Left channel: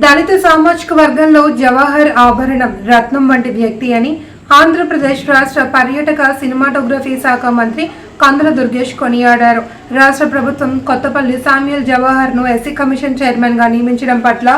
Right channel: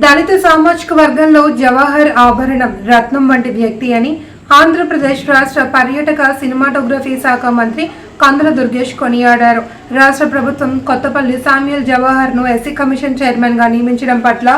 దళిత సామాజిక వర్గంలో జవహర్ ఆభరణం రత్నం వంటి వ్యక్తి అని ఆంధ్రప్రదేశ్ రాష్ట్ర పర్యాటక సినిమాటోగ్రఫీ శాఖ మంత్రి కందుల దుర్గేష్ కొనియాడారు. రాష్ట్ర ప్రభుత్వం కొత్తపల్లి సామ్యుల్ జవహర్ను ఎస్సీ కమిషన్ చైర్మన్గా నియమించడం పట్ల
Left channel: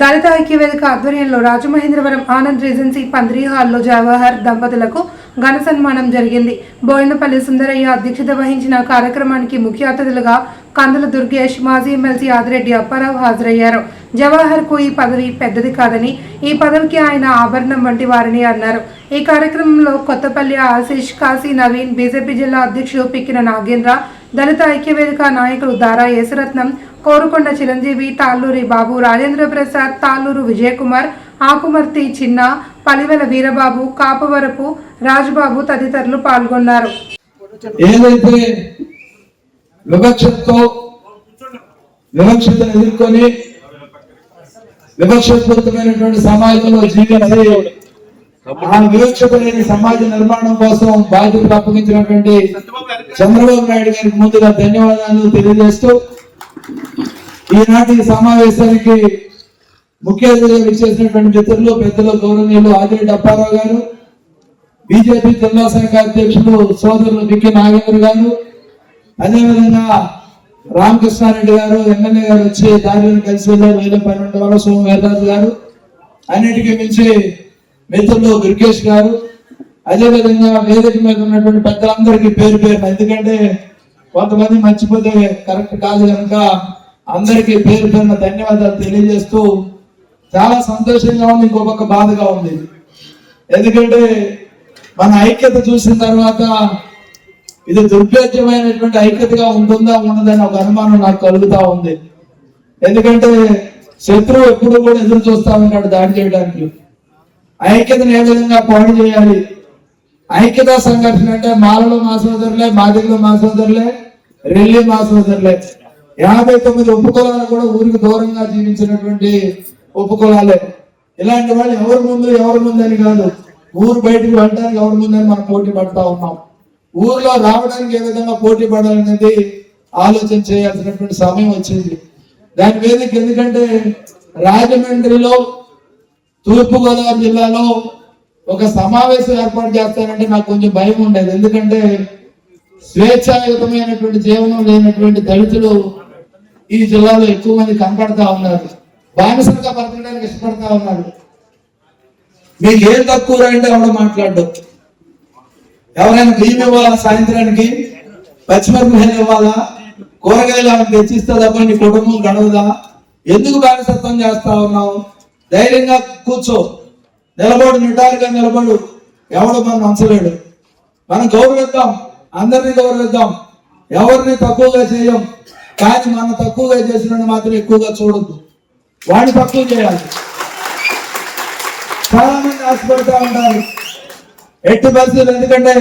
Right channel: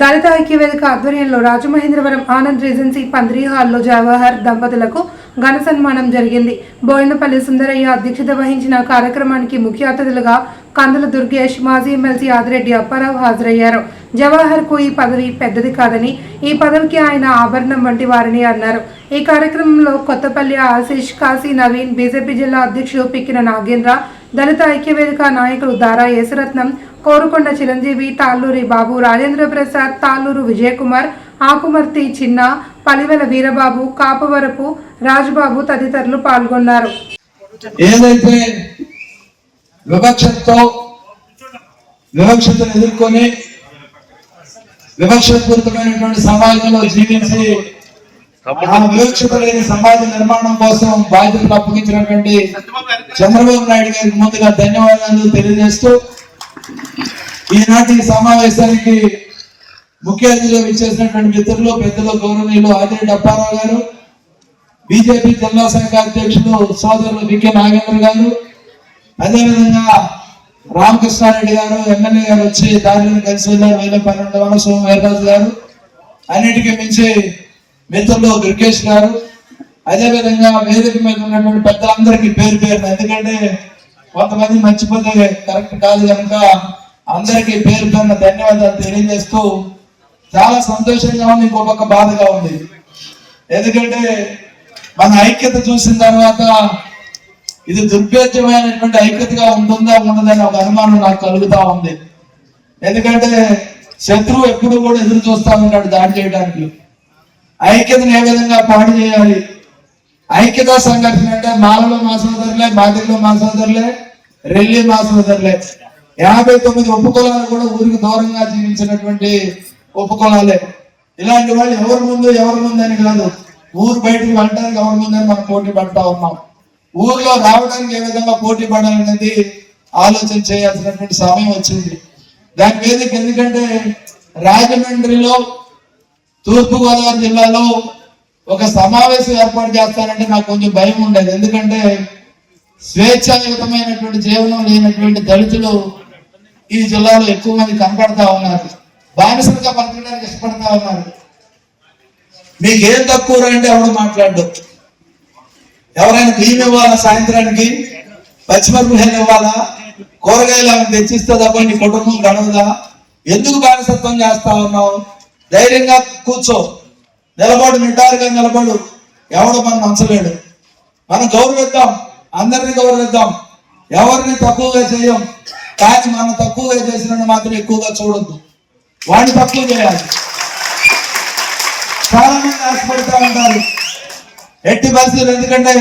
దళిత ఐక్యవేదిక ఆధ్వర్యంలో రాజమహేంద్రవరం ఆనంద్ రేజెన్సీ పంద్రి హాల్లో జవహర్ దంపతులకు ఘన సన్మానం జరిగింది. బోయినపల్లి సుందరయ్య అధ్యక్షత వహించిన కార్యక్రమానికి ముఖ్య అతిథులుగా కందుల దుర్గేష్ మాజీ ఎమ్మెల్సీ ఆదిరెడ్డి అప్పారావు హాజరయ్యారు. జవహర్కు ఈ పదవి పెద్దది కాదని ఈ పదవికి ఆయన ఆభరణం వంటి వారని అన్నారు. ఈ కార్యక్రమంలో కొత్తపల్లి ఆశీష్ కాశీ నవీన్ బీజేపీ జిల్లా అధ్యక్షుడు పిక్కిన నాగేంద్ర దళిత ఐక్యవేదిక నాయకులు దారా యేసరత్నం కోరుకొండ చిరంజీవి తాళ్ళూరి బాబు రాజేంద్ర ప్రసాద్ తాళ్ళూరు విజయకుమార్ ఆకుమర్తి చిన్న పలివెల వీరబాబు కాపవరపు రాజుబాబు తదితరులు పాల్గొన్నారు. ఏదైతే వివక్షతో వివక్షతను ఎదుర్కొని వివక్షపూరితమైనటువంటి సమాజంలో జీవించి ఆ వివక్షత లేని సమాజ నిర్మాణం కోసం బాధ్యతలు అప్పగించినటువంటి చంద్రబాబు నాయుడు గారికి ముందుగా ధన్యవాదాలు తెలియజేస్తూ ఈనాటి సమావేశానికి ముఖ్య అతిథిగా విచ్చేసినటువంటి మిత్రులు పెద్దలు గౌరవనీయులు ఆదిరెడ్డి అప్పారావు గారు బీజేపీ జిల్లా శాఖ అధ్యక్షుడు సోదరులు వికే నాగేంద్ర గారు. అదేవిధంగా రామకృష్ణారెడ్డి గారు ఎమ్మెల్యే గారు వచ్చి దారిని కలిసి వెళ్ళారు వేల పన్నెండు వందల సోమ గారు అన్నిటికీ మించి మిత్రులు దుర్గేష్ గారు. అదేవిధంగా వేదిక మీద ఉన్నటువంటి పెద్దలందరికీ పేరు పేరు ఎందుకంటే కొంతమంది మర్చిపోతే కరెక్ట్ కాదు కనుక అందరికీ పేరు పేరున ధన్యవాదాలు తెలియజేస్తూ చాలా సంతోషంగా ఉంది ఇంకో పక్క బాధగా ఉంది. ఎందుకంటే మన ఐక్యత చూసిన తర్వాత ఇది దుర్భేద్యమైనటువంటి ఐక్యతగా ఉంటుందా ఉండదని ఒక అనుమానం నాకు కలుగుతా ఉంది. ఎందుకంటే శత్రువు ఎప్పుడు కూడా ఎదురు చూస్తా ఉంటాడు దాడి చేయడానికి. ఐక్యతను ఏ విధంగా పాడు చేయాలి? ఐక్యత సంఘర్షణ అంటే మాలలో మా సోదరులే మాదిరిలో మా సోదరులే రెల్లి మా సోదరులే. యాభై తొమ్మిది ఉపకులాలు కూడా ఊరికి దూరంగా జీవించినటువంటి ఉపకులాలే. ఇలాంటి వాళ్ళు ఎవరి ముందు ఎవరి ముందు అని కాదు. ఊరు బయటికి వెళ్ళడానికి ఎవరి ముందని మనం పోటీ పడతా ఉన్నాం. ఊర్లో రావడానికి ఏ విధంగా పోటీ పడాలనేది ఆలోచన చేయాల్సినటువంటి సమయం వచ్చింది. దాని మీద ఎందుకంటే రాజమండ్రిలో తూర్పుగోదావరి జిల్లాలో ఒక సమావేశం ఏర్పాటు చేస్తానంటే నాకు కొంచెం భయం ఉండేది. ఎందుకంటే స్వేచ్ఛాయుతమైనటువంటి జీవనం లేనటువంటి దళితులు ఈ జిల్లాలో ఎక్కువ మంది కనపడతా ఉన్నారు. బానిసంగా బతకడానికి ఇష్టపడతా ఉన్నారు. మీకు ఏం తక్కువ అంటే ఎవడు మాట్లాడదు ఎవరైనా బియ్యం ఇవ్వాలా? సాయంత్రానికి? పచ్చిమిరపకాయలు ఇవ్వాలా? కూరగాయలు ఆమె తెచ్చిస్తే నీ కుటుంబం గడవదా? ఎందుకు బానిసత్వం చేస్తా ఉన్నావు? ధైర్యంగా కూర్చో. నిలబడు నిటారుగా నిలబడు. ఎవడు మనం నచ్చలేడు. మనం గౌరవిద్దాం. అందరినీ గౌరవిద్దాం. ఎవరిని తక్కువగా చేయం? కానీ మనం తక్కువగా చేసిన మాత్రం ఎక్కువగా చూడొద్దు. వాడిని తక్కువ చేయాలి. చాలా మంది ఆశపడుతూ ఉంటారు. ఎట్టి పరిస్థితులు ఎందుకంటే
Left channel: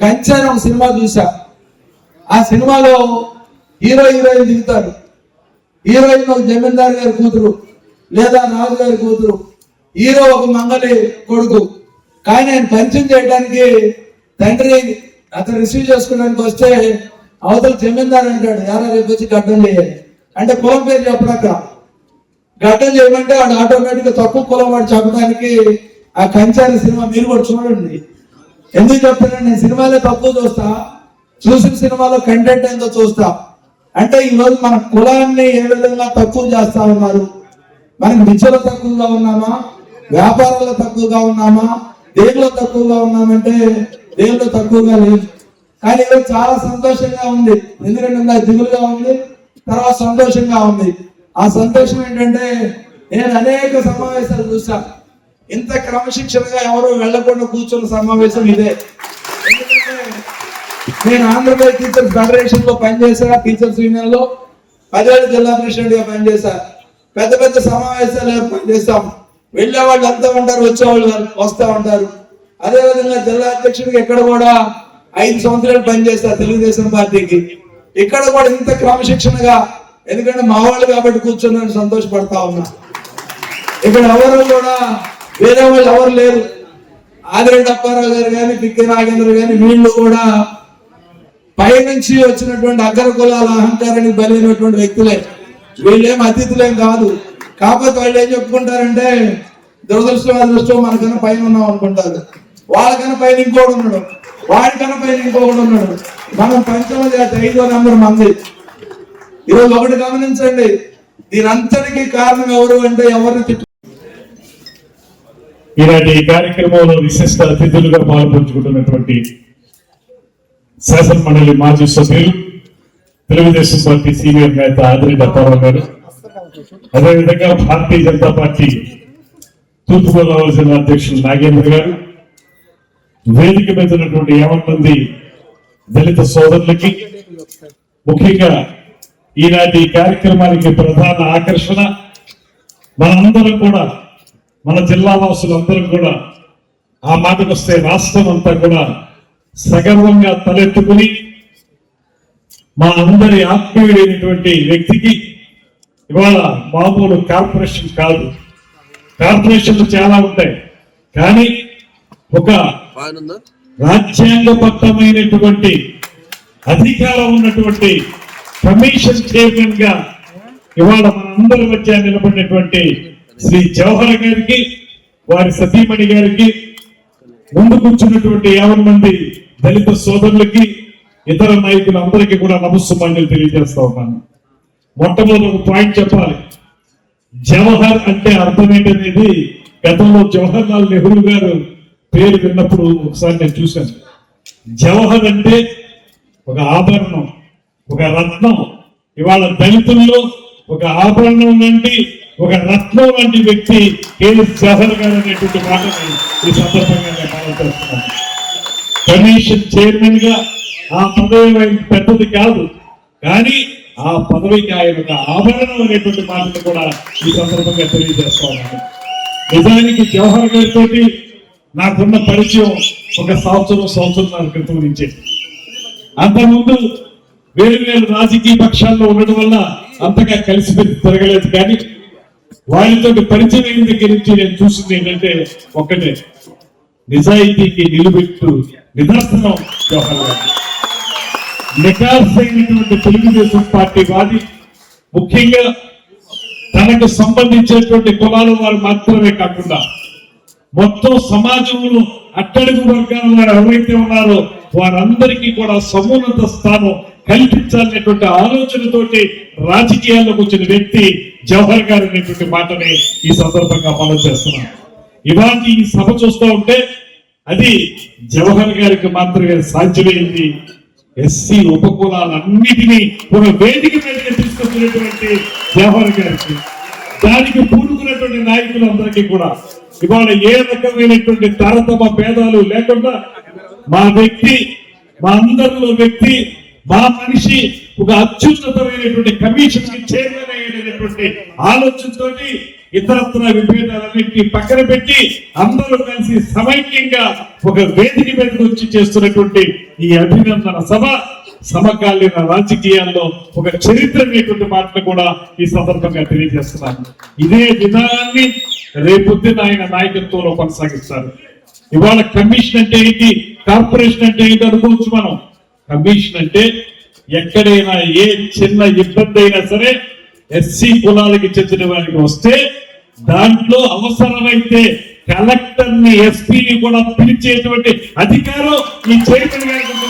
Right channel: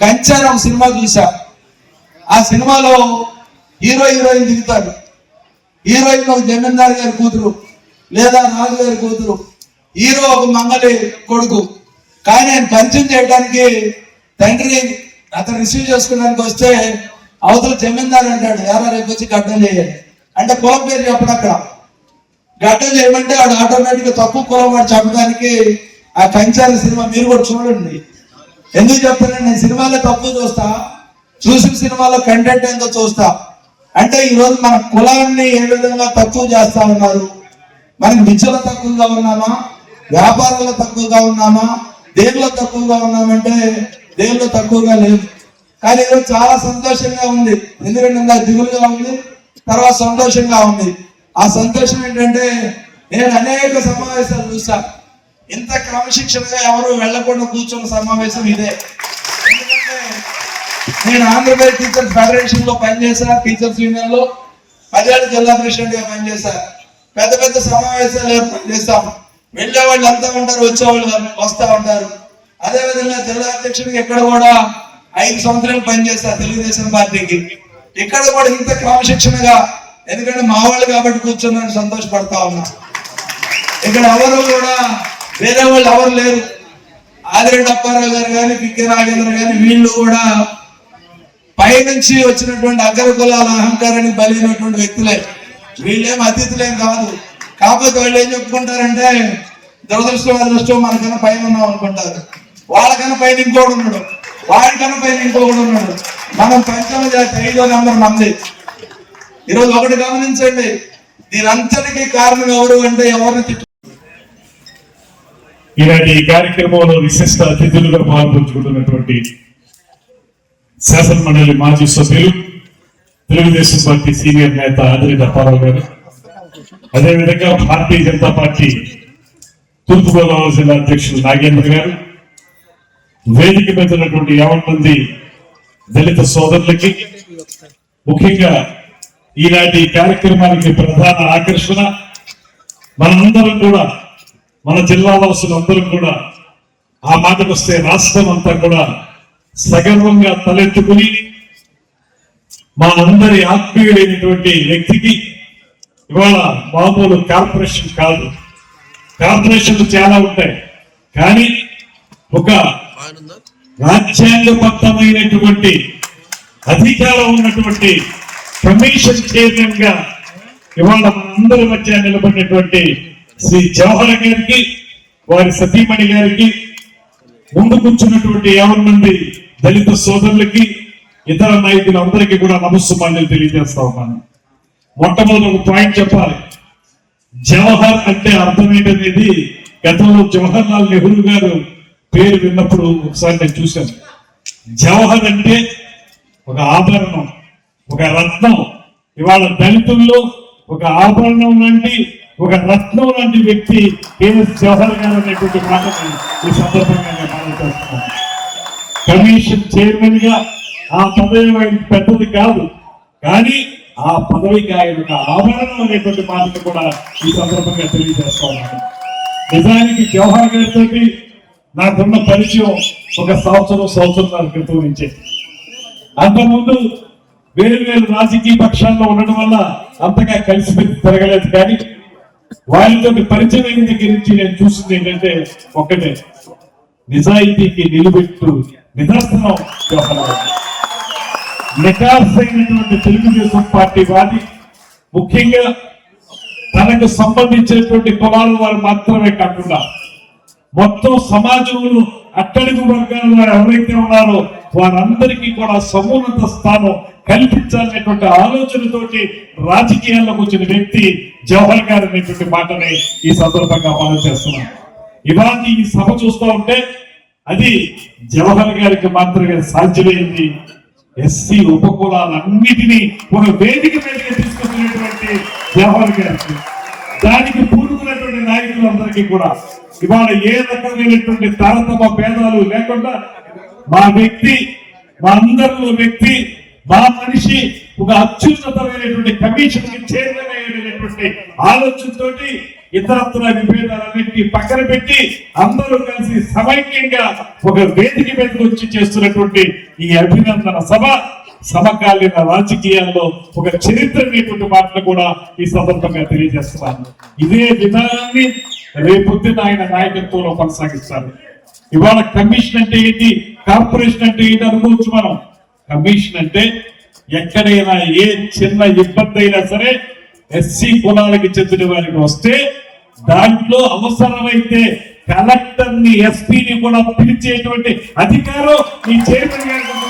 కంచెన ఒక సినిమా చూసా ఆ సినిమాలో హీరో హీరోయిన్ దిగుతాడు హీరోయిన్ ఒక జమీందారు గారి కూతురు లేదా రాజు గారి కూతురు. హీరో ఒక మంగలి కొడుకు. కానీ ఆయన పరిచయం చేయడానికి తండ్రి అతను రిసీవ్ చేసుకోవడానికి వస్తే అవతల జమీందారు అంటాడు యారా రేపు వచ్చి గడ్డం చేయాలి. అంటే కులం పేరు చెప్పడు అక్కడ గడ్డం చేయమంటే వాడు ఆటోమేటిక్గా తప్పు తక్కువ కులం వాడు చెప్పడానికి ఆ కంచారి సినిమా మీరు కూడా చూడండి. ఎందుకు చెప్తానంటే నేను సినిమాలో తక్కువ చూస్తా. చూసిన సినిమాలో కంటెంట్ ఏందో చూస్తా. అంటే ఈ రోజు మన కులాన్ని ఏ విధంగా తక్కువ చేస్తా ఉన్నారు? మనకి విద్యలో తక్కువగా ఉన్నామా? వ్యాపారంలో తక్కువగా ఉన్నామా? దేనిలో తక్కువగా ఉన్నామంటే దేనిలో తక్కువగా లేదు. కానీ ఈరోజు చాలా సంతోషంగా ఉంది. ఎందుకంటే ఇంకా దిగులుగా ఉంది తర్వాత సంతోషంగా ఉంది. ఆ సంతోషం ఏంటంటే నేను అనేక సమావేశాలు చూసా ఇంత క్రమశిక్షణగా ఎవరో వెళ్ళకుండా కూర్చున్న సమావేశం ఇదే. ఎందుకంటే నేను ఆంధ్రప్రదేశ్ టీచర్స్ ఫెడరేషన్లో పనిచేసా టీచర్స్ యూనియన్లో పదేళ్ళ జిల్లా ప్రెసిడెంట్గా పనిచేశా. పెద్ద పెద్ద సమావేశాలు ఏర్పాటు చేస్తాం. వెళ్ళే వాళ్ళు అంతా ఉంటారు వచ్చే వాళ్ళు వస్తా ఉంటారు. అదే విధంగా జిల్లా అధ్యక్షుడికి ఎక్కడ కూడా ఐదు సంవత్సరాలు పనిచేస్తా తెలుగుదేశం పార్టీకి. ఇక్కడ కూడా ఇంత క్రమశిక్షణగా ఎందుకంటే మా వాళ్ళు కాబట్టి కూర్చున్నాను సంతోషపడతా ఉన్నా. ఇక్కడ ఎవరు కూడా వేరే వాళ్ళు ఎవరు లేరు. ఆదిరెడ్డి అప్పారావు గారు కానీ పిక్కి నాగేంద్ర గాని వీళ్ళు కూడా పైనుంచి వచ్చినటువంటి అగ్ర కులాల అహంకారానికి బలైనటువంటి వ్యక్తులే. వీళ్ళేం అతిథులేం కాదు. కాకపోతే వాళ్ళు ఏం చెప్పుకుంటారంటే దురదృష్టం అదృష్టం మనకన్నా పైన ఉన్నాం అనుకుంటారు. వాళ్ళకన్నా పైన ఇంకోడు ఉన్నాడు. వాడికన్నా పైన ఇంకొకడు ఉన్నాడు. మనం పంచమ జాతి ఐదో నంబర్ మంది. ఈరోజు ఒకటి గమనించండి. దీనంతటికీ కారణం ఎవరు అంటే ఎవరిని తిట్టు ఈనాటి ఈ కార్యక్రమంలో విశిష్ట అతిథులుగా పాల్పంచుకుంటున్నటువంటి శాసన మండలి మాజీ సభ్యులు తెలుగుదేశం పార్టీ సీనియర్ నేత ఆదిరి దత్తారావు గారు. అదేవిధంగా భారతీయ జనతా పార్టీ తూర్పుగోదావరి జిల్లా అధ్యక్షులు నాగేంద్ర గారు. వేదిక మీద ఉన్నటువంటి మంది దళిత సోదరులకి ముఖ్యంగా ఈనాటి ఈ కార్యక్రమానికి ప్రధాన ఆకర్షణ మనందరం కూడా మన జిల్లా అందరూ కూడా ఆ మాటకు వస్తే రాష్ట్రం అంతా కూడా సగర్వంగా తలెత్తుకుని మా అందరి ఆత్మీయుడైనటువంటి వ్యక్తికి ఇవాళ మామూలు కార్పొరేషన్ కాదు. కార్పొరేషన్లు చాలా ఉంటాయి. కానీ ఒక రాజ్యాంగబద్ధమైనటువంటి అధికారం ఉన్నటువంటి కమిషన్ చైర్మన్గా ఇవాళ అందరి మధ్య నిలబడినటువంటి శ్రీ జవహర్ గారికి వారి సతీమణి గారికి ముందు కూర్చున్నటువంటి యాభై మంది దళిత సోదరులకి ఇతర నాయకులు అందరికీ కూడా నమస్సుమాన్యులు తెలియజేస్తా ఉన్నాను. మొట్టమొదటి ఒక పాయింట్ చెప్పాలి. జవహర్ అంటే అర్థం ఏంటనేది గతంలో జవహర్ లాల్ నెహ్రూ గారు పేరు విన్నప్పుడు ఒకసారి నేను చూశాను. జవహర్ అంటే ఒక ఆభరణం ఒక రత్నం. ఇవాళ దళితుల్లో ఒక ఆభరణం లాంటి ఒక రత్నం లాంటి వ్యక్తి కేవీ జవహర్ గారు అనేటువంటి మాటని ఈ సందర్భంగా నేను కమిషన్ చైర్మన్గా ఆ పదవి ఆయన పెద్దది కాదు కానీ ఆ పదవికి ఆయన ఒక ఆభరణం అనేటువంటి మాటను కూడా ఈ సందర్భంగా తెలియజేస్తా నిజానికి జవహర్ గారితో నాకున్న పరిచయం ఒక సంవత్సరం సంవత్సరం క్రితం నుంచే. అంతకుముందు వేరు వేరు రాజకీయ పక్షాల్లో ఉండడం వల్ల అంతగా కలిసి తిరగలేదు కానీ వాళ్ళతో పరిచయం అయిన దగ్గర నుంచి నేను చూసింది ఏంటంటే ఒక్కటే. నిజాయితీకి నిలబెట్టు నిదర్శనం జవహర్ తెలుగుదేశం పార్టీ వాది. ముఖ్యంగా తనకు సంబంధించినటువంటి కులాల వారు మాత్రమే కాకుండా మొత్తం సమాజంలో అట్టడుగు వర్గాల వారు ఎవరైతే ఉన్నారో వారందరికీ కూడా సమున్నత స్థానం కల్పించాలనేటువంటి ఆలోచనతోటి రాజకీయాల్లోకి వచ్చిన వ్యక్తి జవహర్ గారు అనేటువంటి మాటని ఈ సందర్భంగా మనం చేస్తున్నాం ఇవాళ ఈ సభ చూస్తూ ఉంటే అది జవహర్ గారికి మాత్రమే సాధ్యమైంది. ఎస్సీ ఉపకులాలన్నిటినీ ఒక వేదిక మీదకి తీసుకొచ్చినటువంటి జవహర్ గారికి దానికి పూనుకున్నటువంటి నాయకులందరికీ కూడా ఇవాళ ఏ రకమైనటువంటి తారతమ భేదాలు లేకుండా మా వ్యక్తి మా అందరిలో వ్యక్తి మా మనిషి ఒక అత్యున్నతమైనటువంటి కమిషన్కి చైర్మన్ అయినటువంటి ఆలోచనతోటి ఇతరత్ర విభేదాలన్నింటినీ పక్కన పెట్టి అందరూ కలిసి సమైక్యంగా ఒక వేదిక మీద వచ్చి చేస్తున్నటువంటి ఈ అభినందన సభ సమకాలీన రాజకీయాల్లో ఒక చరిత్ర అనేటువంటి మాటలు కూడా ఈ సందర్భంగా తెలియజేస్తున్నాను. ఇదే విధానాన్ని రేపొద్దున ఆయన నాయకత్వంలో కొనసాగిస్తారు. ఇవాళ కమిషన్ అంటే ఏంటి? కార్పొరేషన్ అంటే ఏంటి? అనుకోవచ్చు మనం. కమిషన్ అంటే ఎక్కడైనా ఏ చిన్న ఇబ్బంది అయినా సరే ఎస్సీ కులాలకి చెందిన వారికి వస్తే దాంట్లో అవసరమైతే కలెక్టర్ని ఎస్పీని కూడా పిలిచేటువంటి అధికారం ఈ చైర్మన్ గారికి